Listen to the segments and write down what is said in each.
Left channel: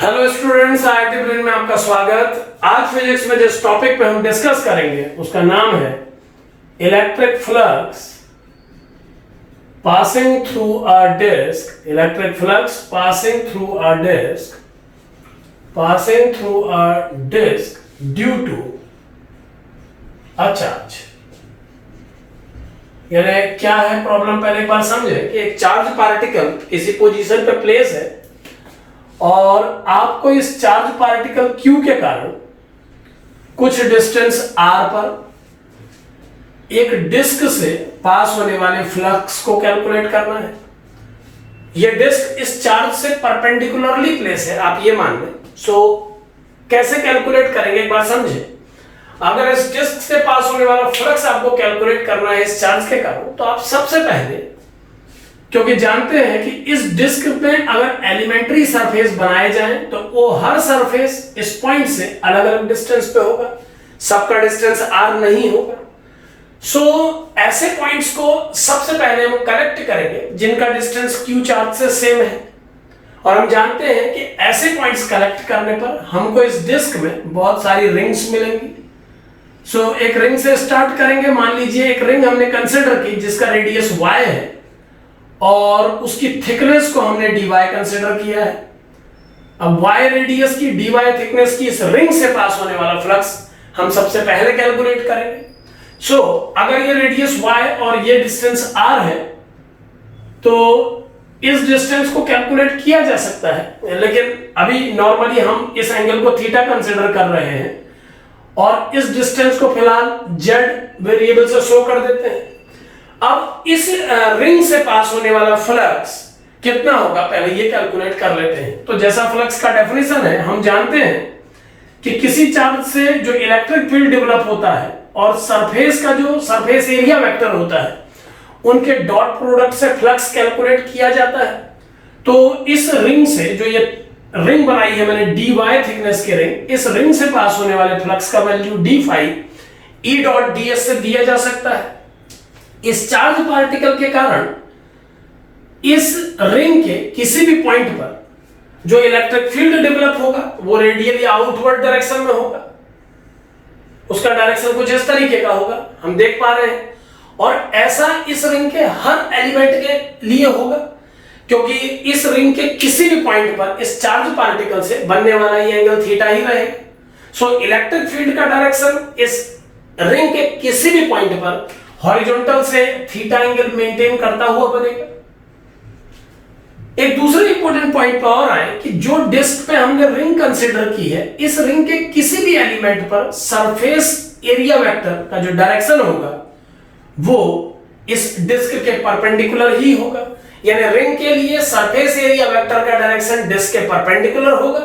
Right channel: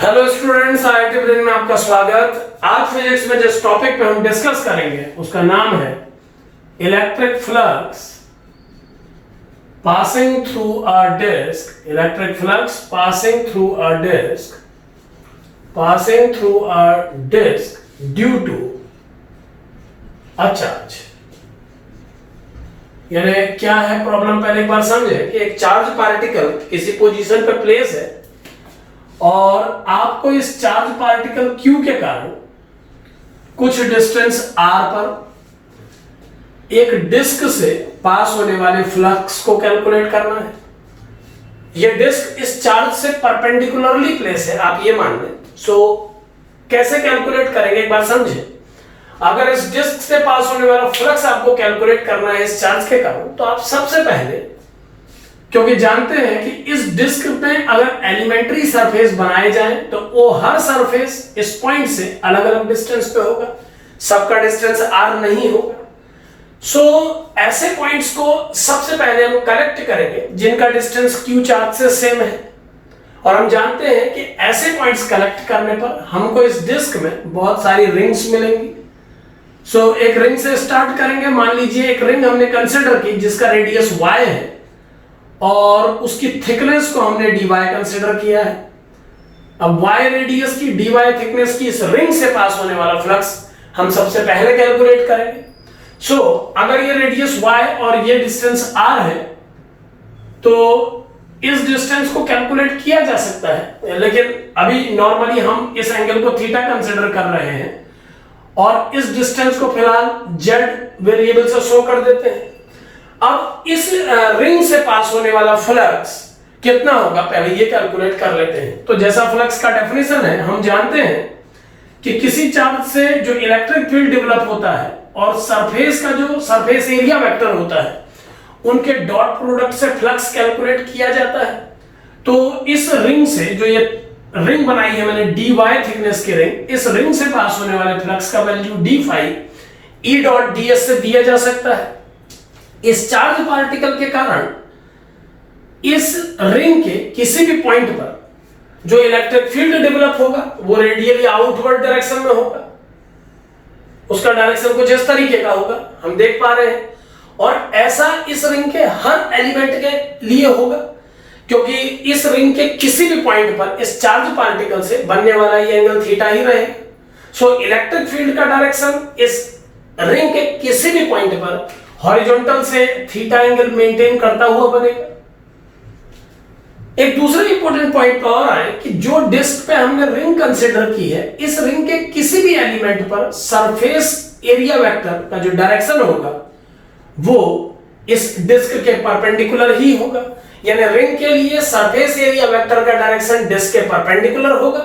Hello students, IIT brain में आपका स्वागत। आज फिजिक्स में जिस टॉपिक पे हम डिस्कस करेंगे उसका नाम है electric flux passing through a disc. Electric flux passing through a disc due to a charge. यानी क्या है प्रॉब्लम, पहले एक बार समझे कि एक चार्ज पार्टिकल किसी पोजीशन पे प्लेस है और आपको इस चार्ज पार्टिकल Q के कारण कुछ डिस्टेंस R पर एक डिस्क से पास होने वाले फ्लक्स को कैलकुलेट करना है। यह डिस्क इस चार्ज से परपेंडिकुलरली प्लेस है, आप ये मान लें। कैसे कैलकुलेट करेंगे एक बार समझे। अगर इस डिस्क से पास होने वाला फ्लक्स आपको कैलकुलेट करना है इस चार्ज के कारण, तो आप सबसे पहले, क्योंकि जानते हैं कि इस डिस्क में अगर एलिमेंट्री सरफेस बनाए जाएं तो वो हर सरफेस इस पॉइंट से अलग अलग डिस्टेंस पे होगा, सबका डिस्टेंस r नहीं होगा। ऐसे पॉइंट्स को सबसे पहले हम कलेक्ट करेंगे जिनका डिस्टेंस q चार्ज से सेम है, और हम जानते हैं कि ऐसे पॉइंट्स कलेक्ट करने पर हमको इस डिस्क में बहुत सारी रिंग्स मिलेंगी। एक रिंग से स्टार्ट करेंगे। मान लीजिए एक रिंग हमने कंसिडर की जिसका रेडियस y है और उसकी थिकनेस को हमने dy कंसीडर किया है। अब y रेडियस की dy थिकनेस की इस रिंग से पास होने वाला फ्लक्स हम सबसे पहले कैलकुलेट करेंगे। अगर ये रेडियस y और ये डिस्टेंस r है तो इस डिस्टेंस को कैलकुलेट किया जा सकता है, लेकिन अभी नॉर्मली हम इस एंगल को थीटा कंसीडर कर रहे हैं और इस डिस्टेंस को फिलहाल z वेरिएबल से शो कर देते हैं। अब इस रिंग से पास होने वाला फ्लक्स कितना होगा पहले ये कैलकुलेट कर लेते हैं। तो जैसा फ्लक्स का डेफिनेशन है, हम जानते हैं कि किसी चार्ज से जो इलेक्ट्रिक फील्ड डेवलप होता है और सरफेस का जो सरफेस एरिया वेक्टर होता है उनके डॉट प्रोडक्ट से फ्लक्स कैलकुलेट किया जाता है। तो इस रिंग से, जो ये रिंग बनाई है मैंने dy थिकनेस की रिंग, इस रिंग से पास होने वाले फ्लक्स का value d phi E dot ds से दिया जा सकता है। इस चार्ज पार्टिकल के कारण इस रिंग के किसी भी पॉइंट पर जो इलेक्ट्रिक फील्ड डेवलप होगा वो रेडियली आउटवर्ड डायरेक्शन में होगा। उसका डायरेक्शन कुछ इस तरीके का होगा, हम देख पा रहे हैं। और ऐसा इस रिंग के हर एलिमेंट के लिए होगा, क्योंकि इस रिंग के किसी भी पॉइंट पर इस चार्ज पार्टिकल से बनने वाला ये एंगल थीटा ही रहेगा। इलेक्ट्रिक फील्ड का डायरेक्शन इस रिंग के किसी भी पॉइंट पर हॉरिजॉन्टल से थीटा एंगल मेंटेन करता हुआ बनेगा। एक दूसरे इंपॉर्टेंट पॉइंट पर और आए कि जो डिस्क पे हमने रिंग कंसीडर की है, इस रिंग के किसी भी एलिमेंट पर सरफेस एरिया वेक्टर का जो डायरेक्शन होगा वो इस डिस्क के परपेंडिकुलर ही होगा। यानी रिंग के लिए सरफेस एरिया वेक्टर का डायरेक्शन डिस्क के परपेंडिकुलर होगा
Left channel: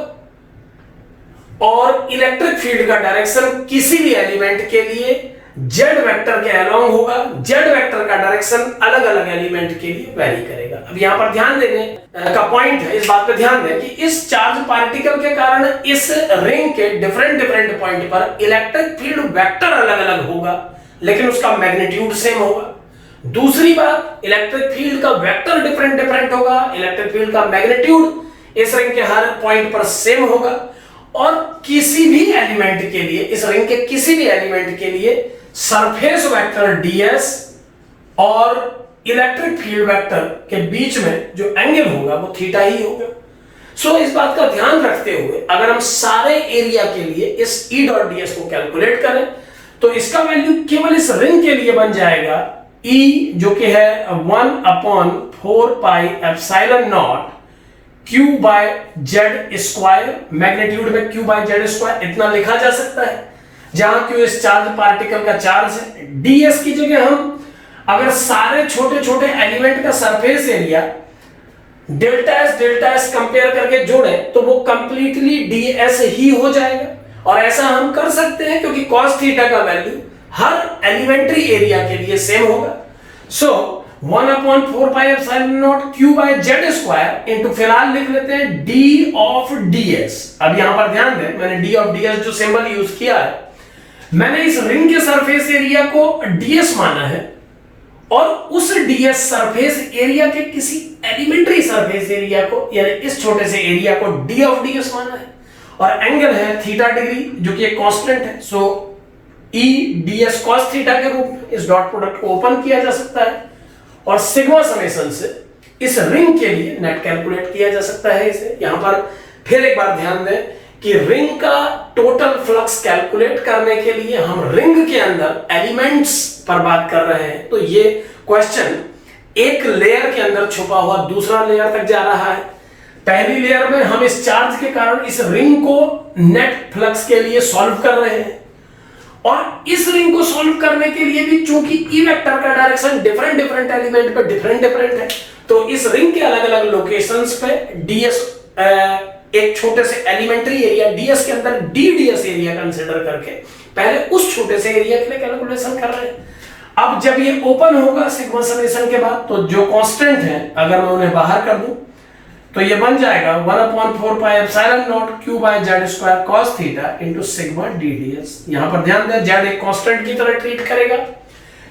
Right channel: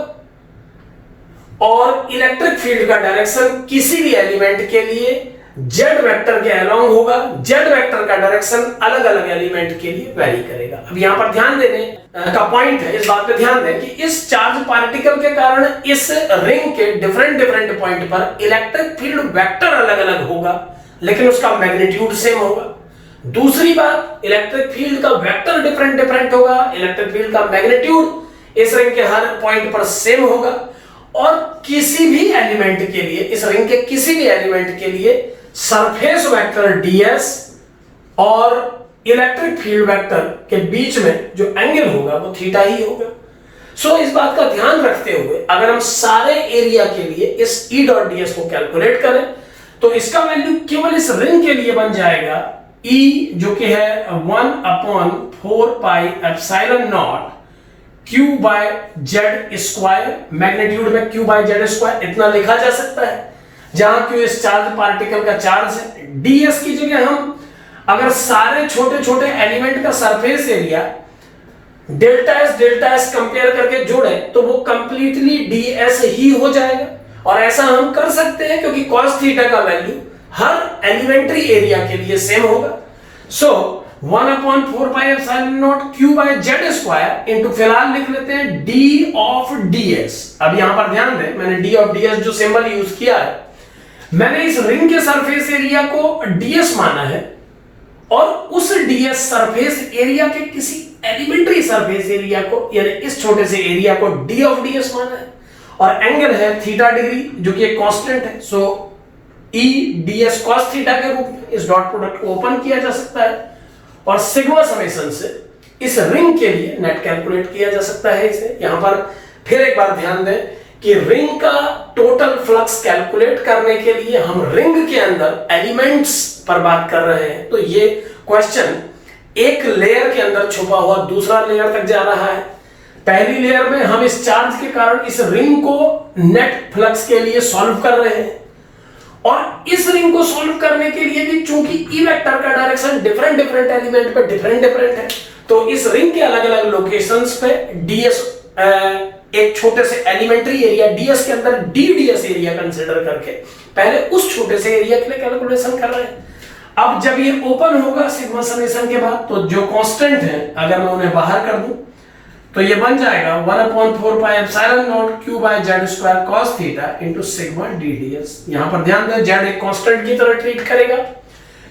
और इलेक्ट्रिक फील्ड का डायरेक्शन किसी भी एलिमेंट के लिए जेड वेक्टर के अलोंग होगा। जेड वेक्टर का डायरेक्शन अलग अलग एलिमेंट के लिए वेरी करेगा। अब यहां पर ध्यान देने का पॉइंट है, इस बात पे ध्यान दें कि इस चार्ज पार्टिकल के कारण इस रिंग के डिफरेंट पॉइंट पर इलेक्ट्रिक फील्ड वेक्टर अलग अलग होगा, लेकिन उसका मैग्नीट्यूड सेम होगा। दूसरी बात, इलेक्ट्रिक फील्ड का वेक्टर डिफरेंट होगा, इलेक्ट्रिक फील्ड का मैग्नीट्यूड इस रिंग के हर पॉइंट पर सेम होगा। और किसी भी एलिमेंट के लिए, इस रिंग के किसी भी एलिमेंट के लिए सरफेस वेक्टर ds और इलेक्ट्रिक फील्ड वेक्टर के बीच में जो एंगल होगा वो थीटा ही होगा। इस बात का ध्यान रखते हुए अगर हम सारे एरिया के लिए इस E डॉट ds को कैलकुलेट करें तो इसका वैल्यू केवल इस रिंग के लिए बन जाएगा E, जो कि है 1/4 pi epsilon naught q by z square. Magnitude में q बाय z स्क्वायर इतना लिखा जा सकता है, जहां q इस चार्ज पार्टिकल का चार्ज है। ds की जगह हम अगर सारे छोटे छोटे एलिमेंट का surface area delta S compare करके जोड़े तो वो कंप्लीटली ds ही हो जाएगा। और ऐसा हम कर सकते हैं क्योंकि cos थीटा का वैल्यू हर एलिमेंट्री एरिया के लिए सेम होगा। 1/4 pi epsilon naught q by z square into, फिलहाल लिख लेते हैं d ऑफ ds। अब यहां पर ध्यान दें, मैंने d ऑफ ds जो सिंबल यूज किया है, मैंने इस रिंग के सरफेस एरिया को ds माना है और उस ds सरफेस एरिया के किसी एलिमेंट्री सरफेस एरिया को, यानी इस छोटे से एरिया को d ऑफ ds माना है, और एंगल है थीटा डिग्री जो कि एक कांस्टेंट है। सो e ds cos थीटा के रूप में इस डॉट प्रोडक्ट को ओपन किया जा सकता है और सिग्मा समेशन से इस रिंग के लिए नेट कैलकुलेट किया जा सकता है। इसे यहां पर फिर एक बार ध्यान दें कि रिंग का टोटल फ्लक्स कैलकुलेट करने के लिए हम रिंग के अंदर एलिमेंट्स पर बात कर रहे हैं, तो ये क्वेश्चन एक लेयर के अंदर छुपा हुआ दूसरा लेयर तक जा रहा है। पहली लेयर में हम इस चार्ज के कारण इस रिंग को नेट फ्लक्स के लिए सॉल्व कर रहे हैं, और इस रिंग को सॉल्व करने के लिए भी चूंकि ई वेक्टर का डायरेक्शन डिफरेंट एलिमेंट पे डिफरेंट है, तो इस रिंग के अलग अलग लोकेशंस पे ds एक छोटे से एलिमेंट्री एरिया ds के अंदर ds एरिया कंसीडर करके पहले उस छोटे से एरिया के लिए कैलकुलेशन कर रहे हैं। अब जब ये ओपन होगा सिग्मा समेशन के बाद, तो जो कांस्टेंट है अगर मैं उन्हें बाहर कर दूं तो ये बन जाएगा 1/4 pi epsilon naught q by z square cos theta into sigma ds। यहां पर ध्यान दें z एक कांस्टेंट की तरह ट्रीट करेगा,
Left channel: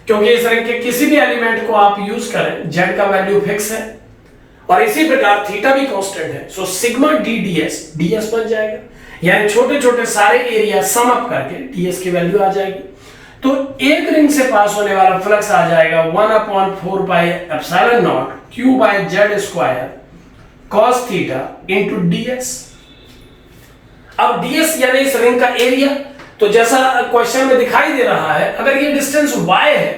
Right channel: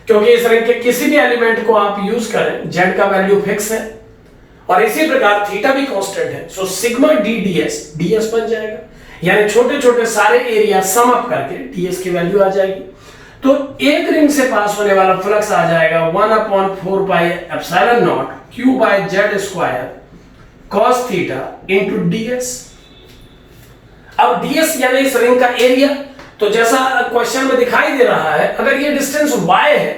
क्योंकि इस रिंग के किसी भी एलिमेंट को आप यूज करें z का वैल्यू फिक्स है, और इसी प्रकार थीटा भी कांस्टेंट है। सो सिग्मा ds बन जाएगा, यानी छोटे छोटे सारे एरिया सम अप करके ds की वैल्यू आ जाएगी। तो एक रिंग से पास होने वाला फ्लक्स आ जाएगा 1/4 pi epsilon naught q by z square cos theta into ds। अब ds यानी इस रिंग का एरिया, तो जैसा क्वेश्चन में दिखाई दे रहा है, अगर ये डिस्टेंस y है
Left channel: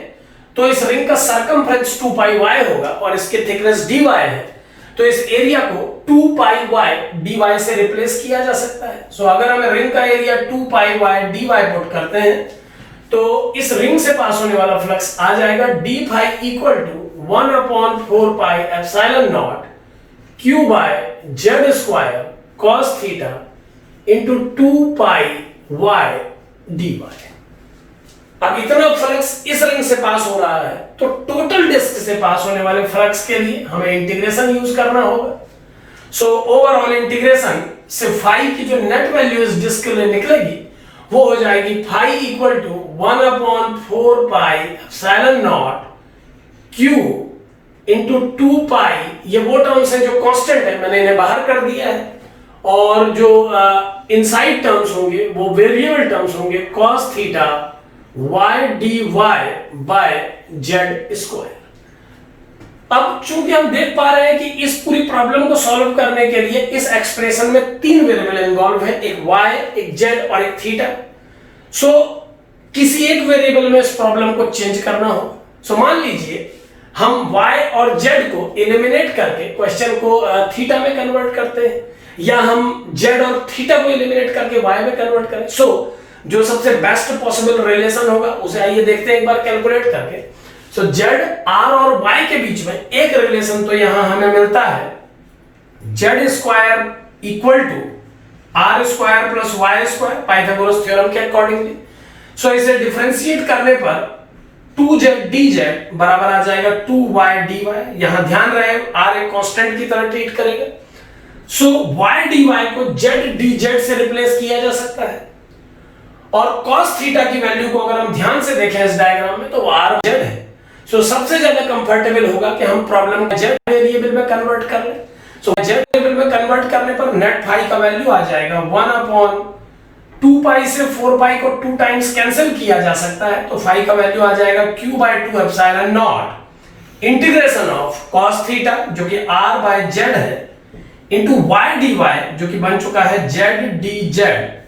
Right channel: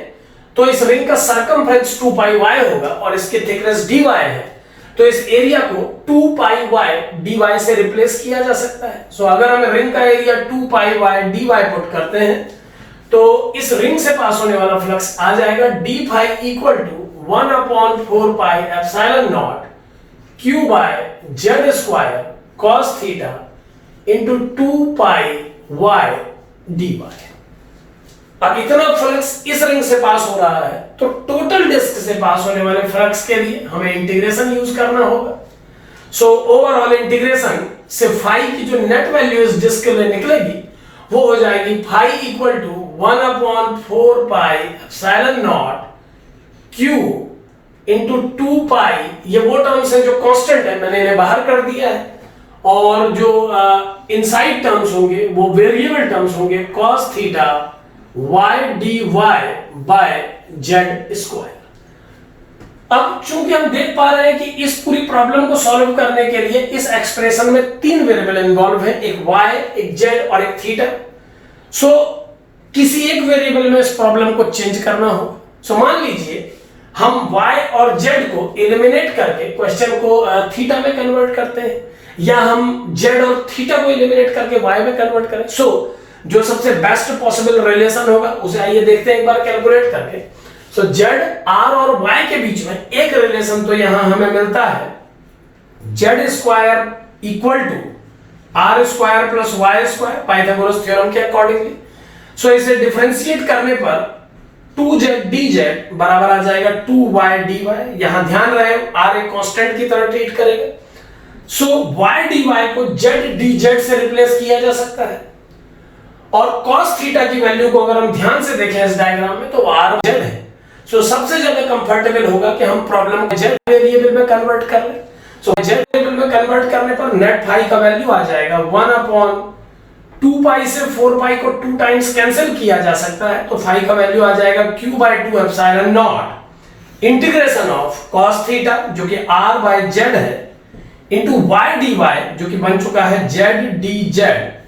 तो इस रिंग का सरकमफ्रेंस 2 पाई y होगा, और इसकी थिकनेस dy है, तो इस एरिया को 2 पाई y dy से रिप्लेस किया जा सकता है। सो अगर हम रिंग का area 2 pi y dy put करते हैं तो इस रिंग से पास होने वाला फ्लक्स आ जाएगा d phi equal to 1/4 pi epsilon naught q by z square cos theta into 2 pi y dy। अब इतना फ्लक्स इस रिंग से पास हो रहा है, तो टोटल डिस्क से पास होने वाले फ्लक्स के लिए हमें इंटीग्रेशन यूज करना होगा। सो ओवरऑल इंटीग्रेशन से फाई की जो नेट वैल्यू इस डिस्क के लिए निकलेगी वो हो जाएगी phi equal to 1/4 pi epsilon naught q into 2 pi, ये वो टर्म्स है जो कांस्टेंट है, मैंने इन्हें बाहर कर दिया है, और जो इनसाइड टर्म्स होंगे वो वेरिएबल टर्म्स होंगे cos theta y dy by z square. अब चूंकि हम देख पा रहे हैं कि इस पूरी प्रॉब्लम को सॉल्व करने के लिए इस एक्सप्रेशन में 3 वेरिएबल इन्वॉल्व है, एक y, एक z और एक थीटा। सो किसी एक वेरिएबल में इस प्रॉब्लम को चेंज करना होगा। सो मान लीजिए हम y और z को एलिमिनेट करके क्वेश्चन को थीटा में कन्वर्ट करते हैं, या हम z और थीटा को एलिमिनेट करके y में कन्वर्ट करें। सो जो सबसे बेस्ट पॉसिबल रिलेशन होगा उसे आइए देखते हैं एक बार कैलकुलेट करके। सो z, r और y के बीच में एक रिलेशन तो यहां हमें मिलता है, z square equal to r square plus y square Pythagoras theorem के अकॉर्डिंगली। सो इसे डिफरेंशिएट करने पर 2z dz बराबर आ जाएगा 2y dy। यहां ध्यान रहे r एक कांस्टेंट की तरह ट्रीट करेगा। सो y dy को z dz से रिप्लेस किया जा सकता है, और cos थीटा की वैल्यू को अगर हम ध्यान से देखें इस डायग्राम में तो r z है। सो सबसे ज्यादा कंफर्टेबल होगा कि हम प्रॉब्लम को z वेरिएबल में कन्वर्ट कर लें। सो z वेरिएबल में कन्वर्ट करने पर नेट फाई का वैल्यू आ जाएगा 1/2 पाई से 4 पाई को 2 टाइम्स कैंसिल किया जा सकता है, तो फाई का वैल्यू आ जाएगा q by 2 epsilon naught integration of cos theta जो कि r बाय z है इनटू y dy जो कि बन चुका है z dz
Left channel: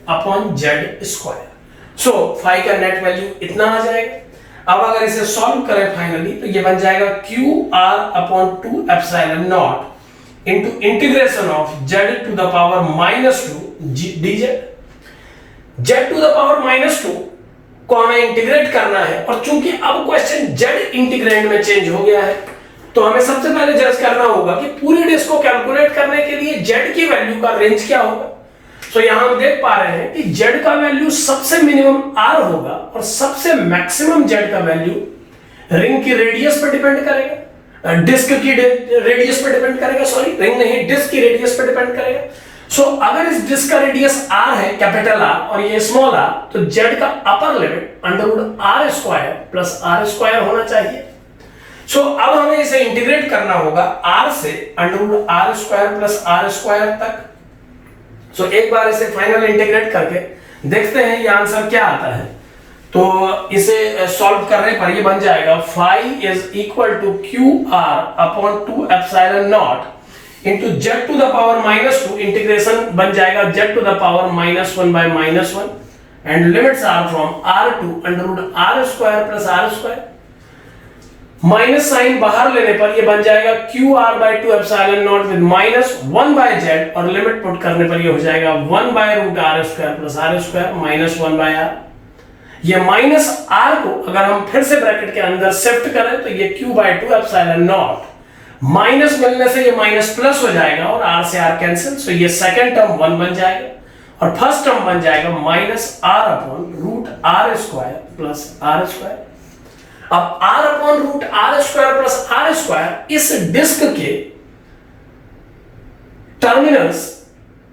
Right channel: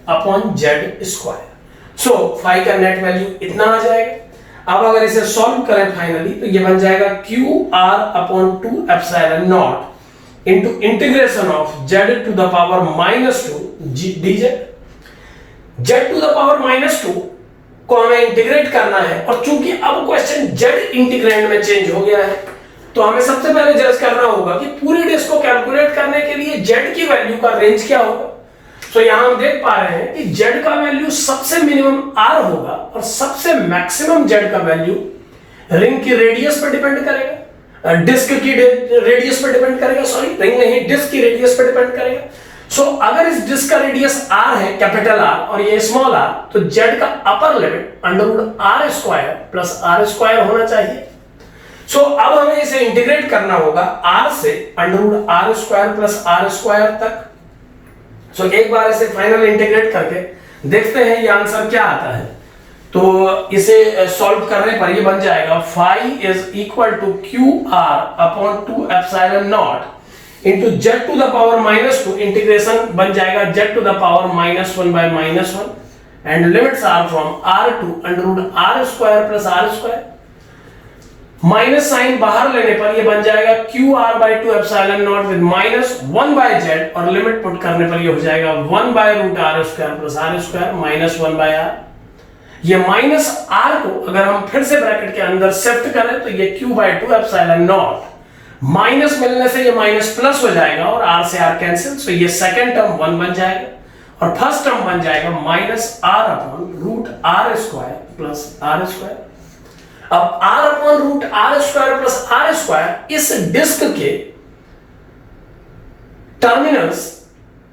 upon z square. So phi का नेट वैल्यू इतना आ जाएगा। अब अगर इसे सॉल्व करें फाइनली तो ये बन जाएगा q r upon 2 epsilon naught into integration of z to the power -2 dz। z to the power -2 को हमें इंटीग्रेट करना है, और चूंकि अब क्वेश्चन z इंटीग्रेंड में चेंज हो गया है तो हमें सबसे पहले जज करना होगा कि पूरी डिस्क को कैलकुलेट करने के लिए z की वैल्यू का रेंज क्या होगा। तो यहां हम देख पा रहे हैं कि z का वैल्यू सबसे मिनिमम r होगा और सबसे मैक्सिमम z का वैल्यू रिंग की रेडियस पर डिपेंड करेगा, डिस्क की रेडियस पर डिपेंड करेगा, सॉरी रिंग नहीं डिस्क की रेडियस पर डिपेंड करेगा। सो अगर इस डिस्क का रेडियस r है कैपिटल R और ये स्मॉल r, तो z का अपर लिमिट √r² + r² होना चाहिए। सो अब हमें इसे इंटीग्रेट करना होगा r से √r² प्लस r² तक। सो एक बार इसे फाइनल इंटीग्रेट करके देखते हैं ये आंसर क्या आता है। तो इसे सॉल्व करने पर ये बन जाएगा phi is equal to QR/2ε0 into z⁻⁻2 integration बन जाएगा z⁻⁻1 and limits are from r to √r² plus r²। Minus sign बाहर लेने पर ये बन जाएगा QR/2ε0 विद -1/z और लिमिट पुट करने पर ये हो जाएगा 1/√r² प्लस r² -1/r। ये माइनस r को अगर हम फिर से ब्रैकेट के अंदर शिफ्ट करें तो ये Q/2ε0 माइनस मिलने से ये माइनस प्लस हो जाएगा और r से r कैंसिल। सो ये सेकंड टर्म 1 बन जाएगा और फर्स्ट टर्म बन जाएगा -r/√r² प्लस r²। अब r/√r² प्लस r² इस डिस्क के टर्मिनल्स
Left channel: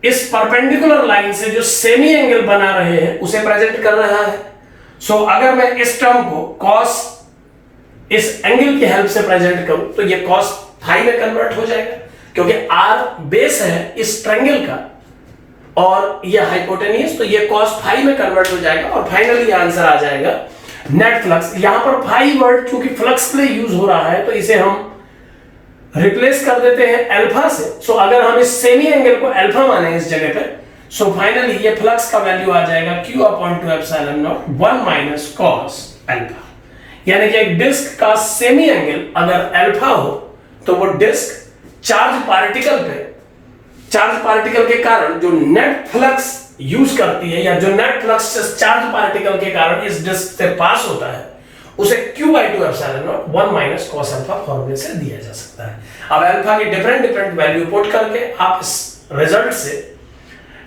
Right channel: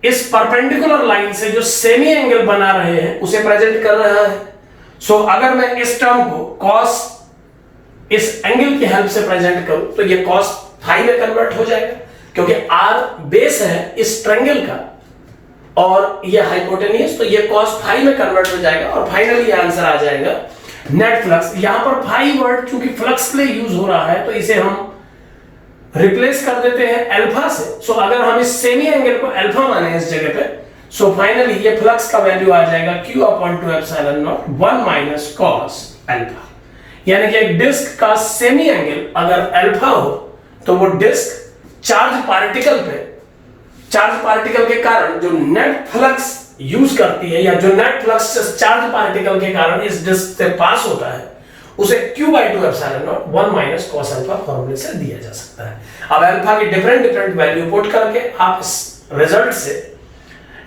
इस परपेंडिकुलर लाइन से जो सेमी एंगल बना रहे हैं उसे प्रेजेंट कर रहा है। सो अगर मैं इस टर्म को cos इस एंगल की हेल्प से प्रेजेंट करूं तो ये cos फाई में कन्वर्ट हो जाएगा क्योंकि r बेस है इस ट्रायंगल का और ये हाइपोटेन्यूज, तो ये cos फाई में कन्वर्ट हो जाएगा और फाइनली आंसर आ जाएगा नेट फ्लक्स। यहां पर फाई वर्ड चूंकि फ्लक्स के लिए यूज हो रहा है तो इसे हम रिप्लेस कर देते हैं अल्फा से। सो अगर हम इस सेमी एंगल को अल्फा माने इस जगह पे, सो फाइनली ये फ्लक्स का वैल्यू आ जाएगा Q/2ε0 1 - cos अल्फा। यानी कि एक डिस्क का सेमी एंगल अगर अल्फा हो तो वो डिस्क चार्ज पार्टिकल के कारण जो नेट फ्लक्स यूज करती है या जो नेट फ्लक्स चार्ज पार्टिकल के कारण इस डिस्क से पास होता है उसे Q/2ε0 1 - cos अल्फा फॉर्मूले से दिया जा सकता है। अब अल्फा की डिफरेंट वैल्यू पुट करके आप इस रिजल्ट से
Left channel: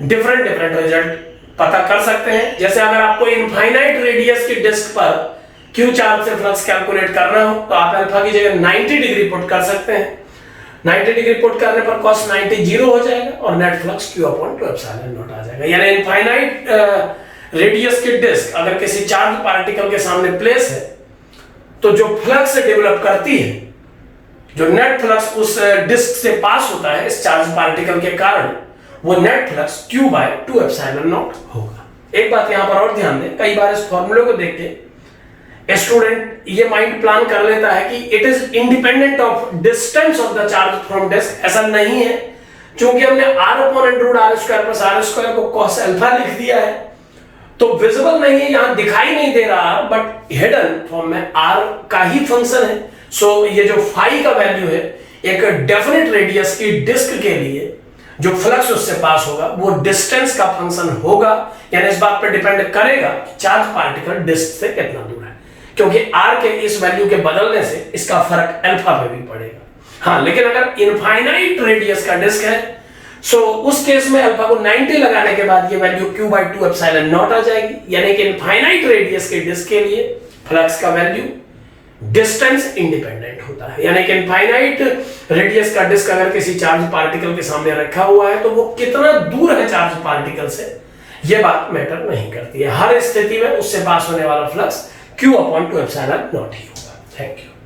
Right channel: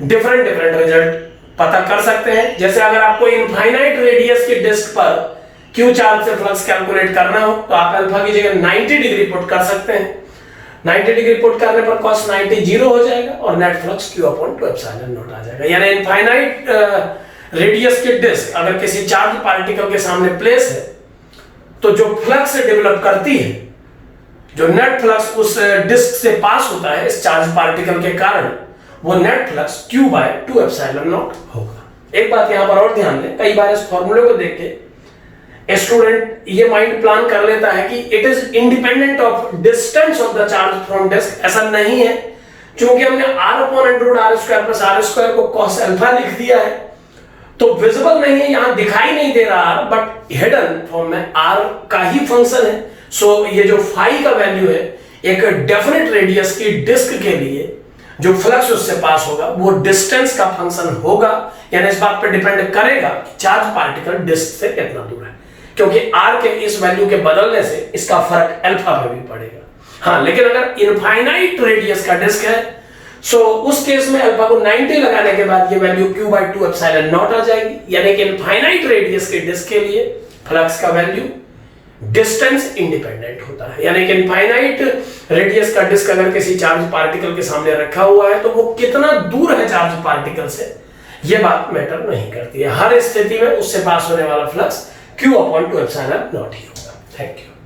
डिफरेंट रिजल्ट पता कर सकते हैं। जैसे अगर आपको इनफाइनाइट रेडियस की डिस्क पर Q चार्ज से फ्लक्स कैलकुलेट करना हो तो आप अल्फा की जगह 90 डिग्री पुट कर सकते हैं। 90 डिग्री पुट करने पर cos 90 0 हो जाएगा और नेट फ्लक्स Q/2ε0 आ जाएगा। यानी इनफाइनाइट रेडियस की डिस्क अगर किसी चार्ज पार्टिकल के सामने प्लेस है तो जो फ्लक्स डेवलप करती है, जो नेट फ्लक्स उस डिस्क से पास होता है इस चार्ज पार्टिकल के कारण, वो नेट फ्लक्स Q/2ε0 होगा। एक बात यहां पर और ध्यान दें, कई बार इस फॉर्मूले को देख के स्टूडेंट ये माइंड प्लान कर लेता है कि it is independent of distance of the charge from disc. ऐसा नहीं है, क्योंकि हमने r/√r² प्लस r² को cos अल्फा लिख दिया है तो विजिबल नहीं है, यहां दिखाई नहीं दे रहा, बट हिडन फॉर्म में r का ही फंक्शन है। सो ये जो फाई का वैल्यू है एक डेफिनेट रेडियस की डिस्क के लिए जो फ्लक्स उससे पास होगा वो डिस्टेंस का फंक्शन होगा। यानी इस बात पर डिपेंड करेगा चार्ज पार्टिकल डिस्क से कितना दूर है, क्योंकि r के इस वैल्यू के बदलने से इसका फर्क अल्फा पे भी पड़ेगा। हाँ, लेकिन अगर इनफाइनाइट रेडियस का डिस्क है सो उस केस में अल्फा को 90 लगाने के बाद ये वैल्यू Q/2ε0 आ जाएगी। यानी कि इनफाइनाइट रेडियस के डिस्क के लिए फ्लक्स का वैल्यू डिस्टेंस इंडिपेंडेंट होता है। यानी कि इनफाइनाइट रेडियस का डिस्क अगर किसी चार्ज पार्टिकल के सामने रखा हुआ है तो वो कितना दूर है चार्ज पार्टिकल से ये बात मैटर नहीं करती है। हर स्थिति में उससे पास होने वाला फ्लक्स Q/2ε0 ही होगा। Thank you.